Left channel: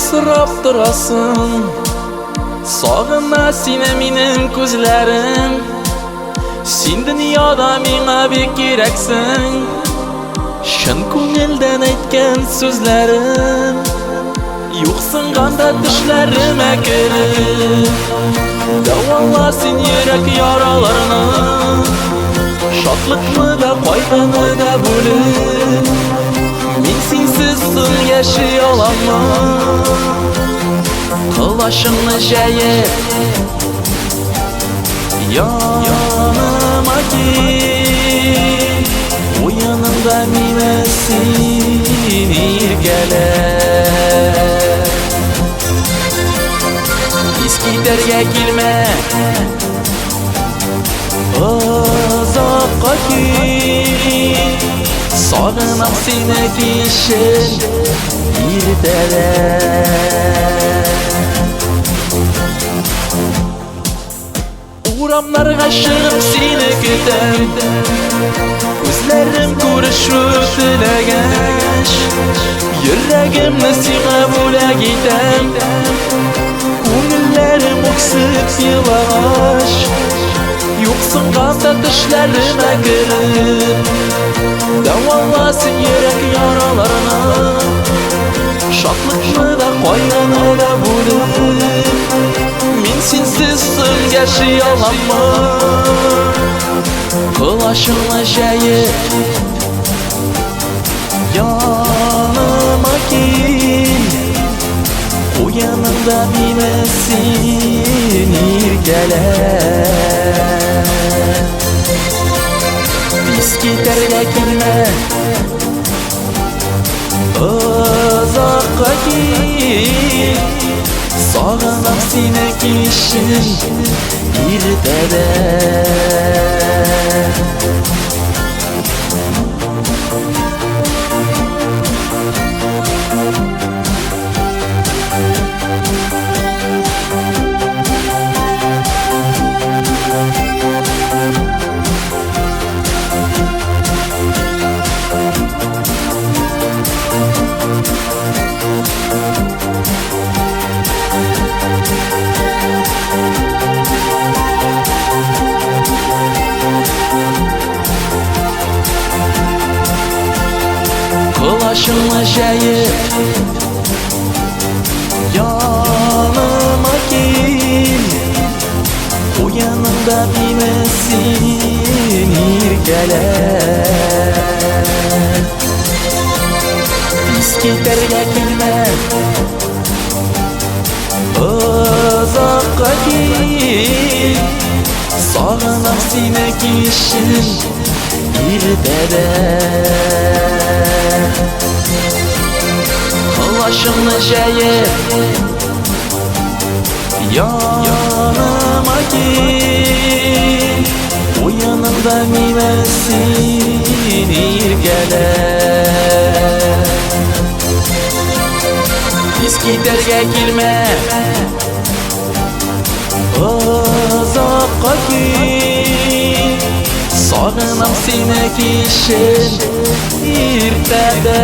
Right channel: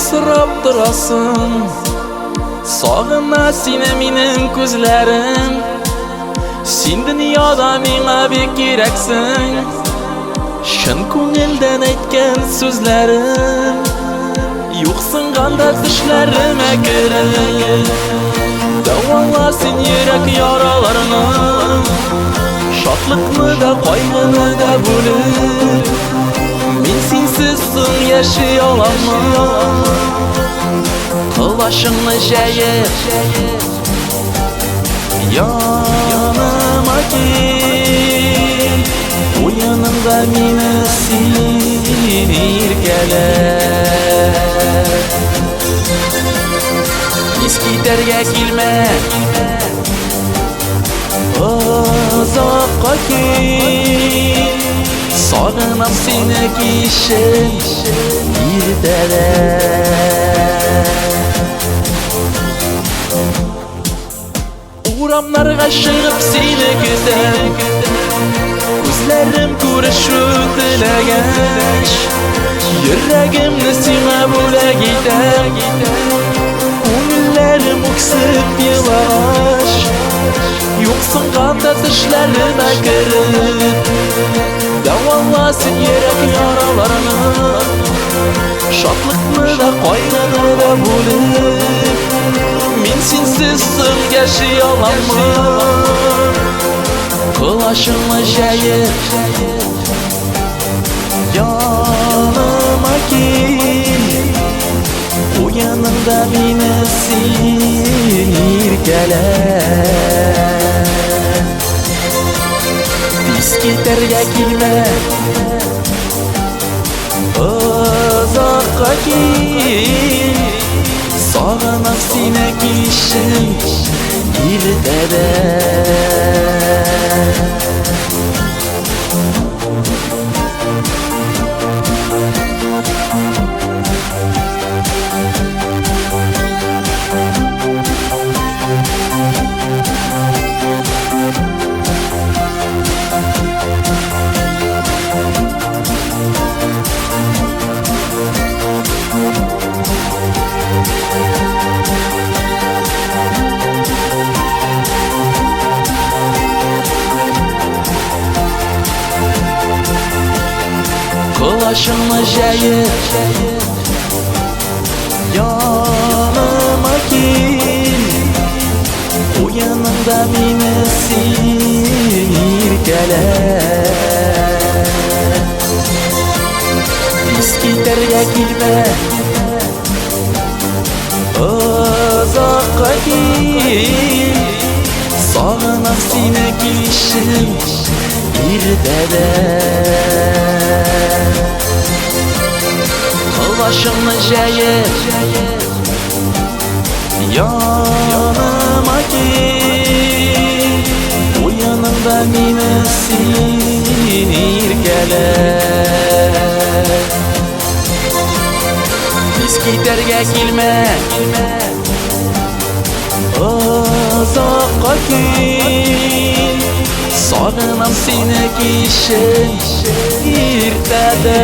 Yomsirab turasın, sog'inma seni mening ko'zlarim. Sen dunyoda menga bek keraksin, shin ko'ngildan aytgan so'zlarim. Yo'qsin qanda tushlarimga kirib, davolasin yurak yaralarini. Shodlikni da qayg'uni da bo'lib, men sensiz so'ng yashay olaman. Quloshimni jayib yanıma kel, o yanımda meni sen erkele. Eski terga kelma, uzoqqa kel, sog'inam seni kishin ertada. Uramlarga chiqib seni kutam, ko'zlarim ko'rishu tilagash, yuragimni senga bo'lak etam, ko'ngillarim o'ksib yig'lash. Yo'qsin qanda tushlarimga kirib, davolasin yurak yaralarini. Shodlikni da qayg'uni da bo'lib, men sensiz so'ng yashay olaman. Quloshimni jayib yanıma kel, o yanımda meni sen erkele. Tez ketarga kelma, uzoqqa kel, sog'inam seni kishin ertada. Quloshimni jayib yanıma kel, o yanımda meni sen erkele. Tez ketarga kelma, uzoqqa kel, sog'inam seni kishin ertada. Quloshimni jayib yanıma kel, o yanımda meni sen erkele. Tez ketarga kelma, uzoqqa kel, sog'inam seni kishin ertada.